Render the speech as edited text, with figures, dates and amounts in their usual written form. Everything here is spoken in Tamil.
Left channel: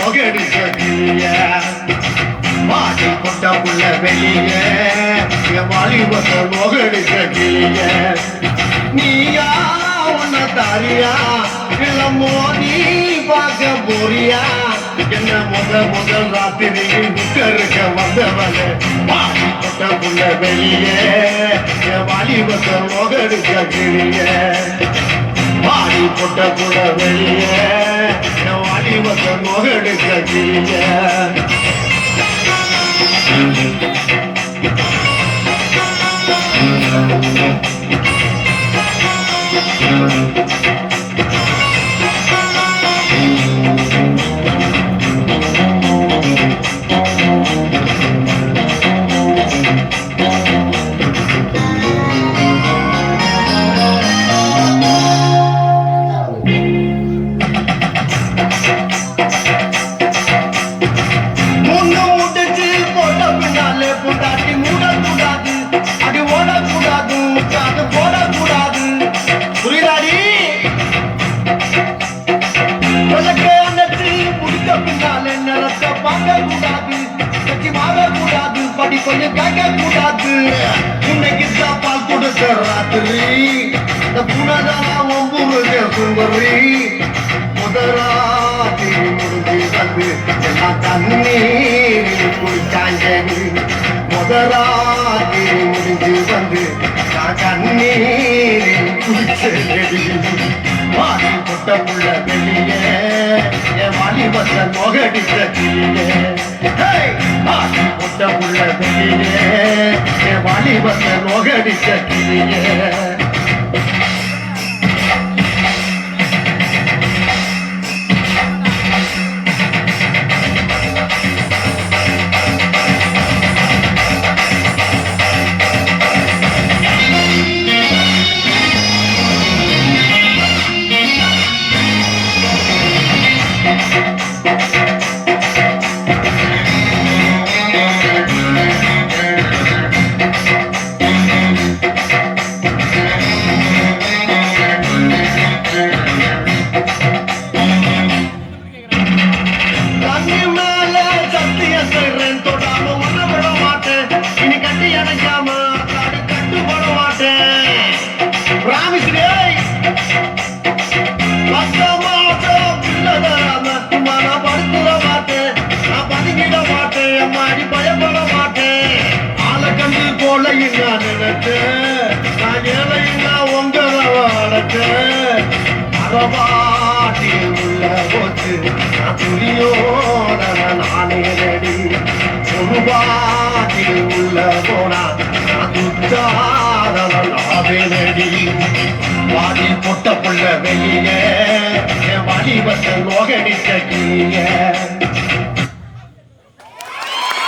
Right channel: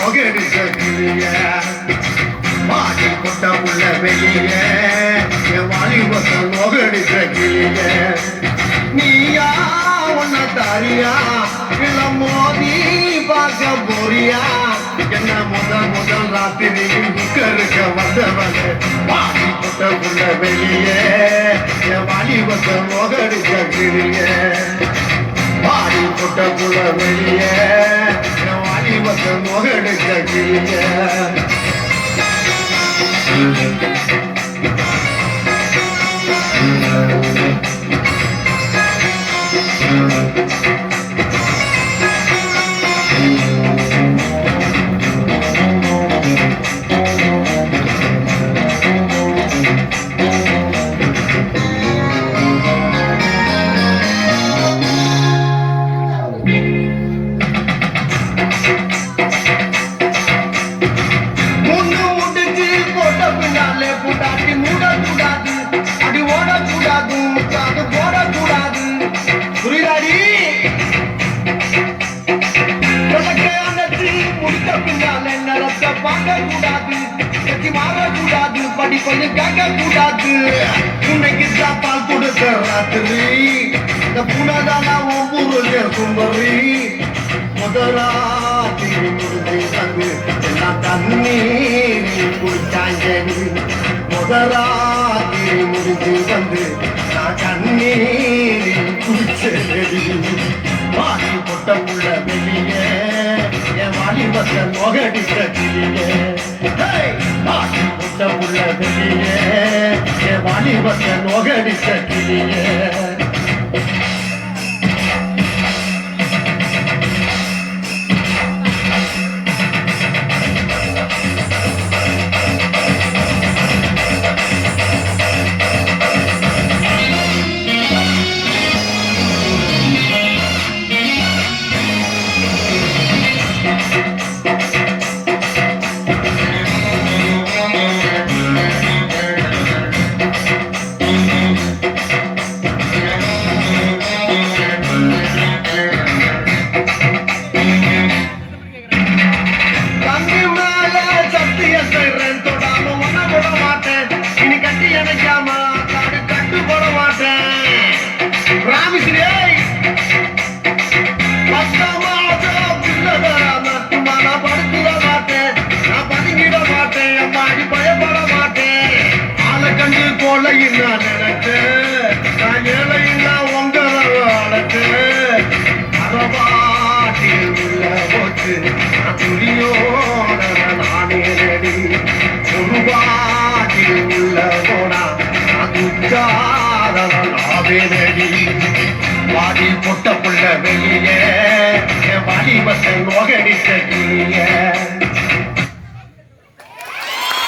மோகடிச்ச கிளிய மாடி கொண்ட உள்ள வெளிய வாலிபத்த மோகடிச்ச கிளிய நீயா உன்ன தாரியா இல்ல மோதி பார்க்க போறியா என்ன முதல் ராத்திரி புக்கருக்க வந்தவனே மாடி கொண்ட உள்ள வெளிய வாலிபத்த மோகடிச்ச கிளிய மாடி கொண்ட உள்ள வெளிய வாலிபத்த மோகடிச்ச கிளிய கொஞ்சம் கேட்க கூடாது இன்னைக்கு பால் கொடுத்த ராத்திரி இந்த புனதானா ஒவ்வொரு சுந்தரி முதலாத்தி முடிஞ்சு வந்து எல்லா தண்ணீர் குடிச்சாங்க முதலாத்தி முடிஞ்சு வந்து நான் தண்ணீர் குடிச்சேன் வாடி கொட்ட உள்ள வெளியே என் வாலிபத்த மொகடிச்ச கிளியே வாடி கொட்ட உள்ள வெளியே என் வாலிபத்த மொகடிச்ச கிளியே வாடி பொட்ட புள்ள வெளியே வாலிபத்த மோகடிச்ச கிளிய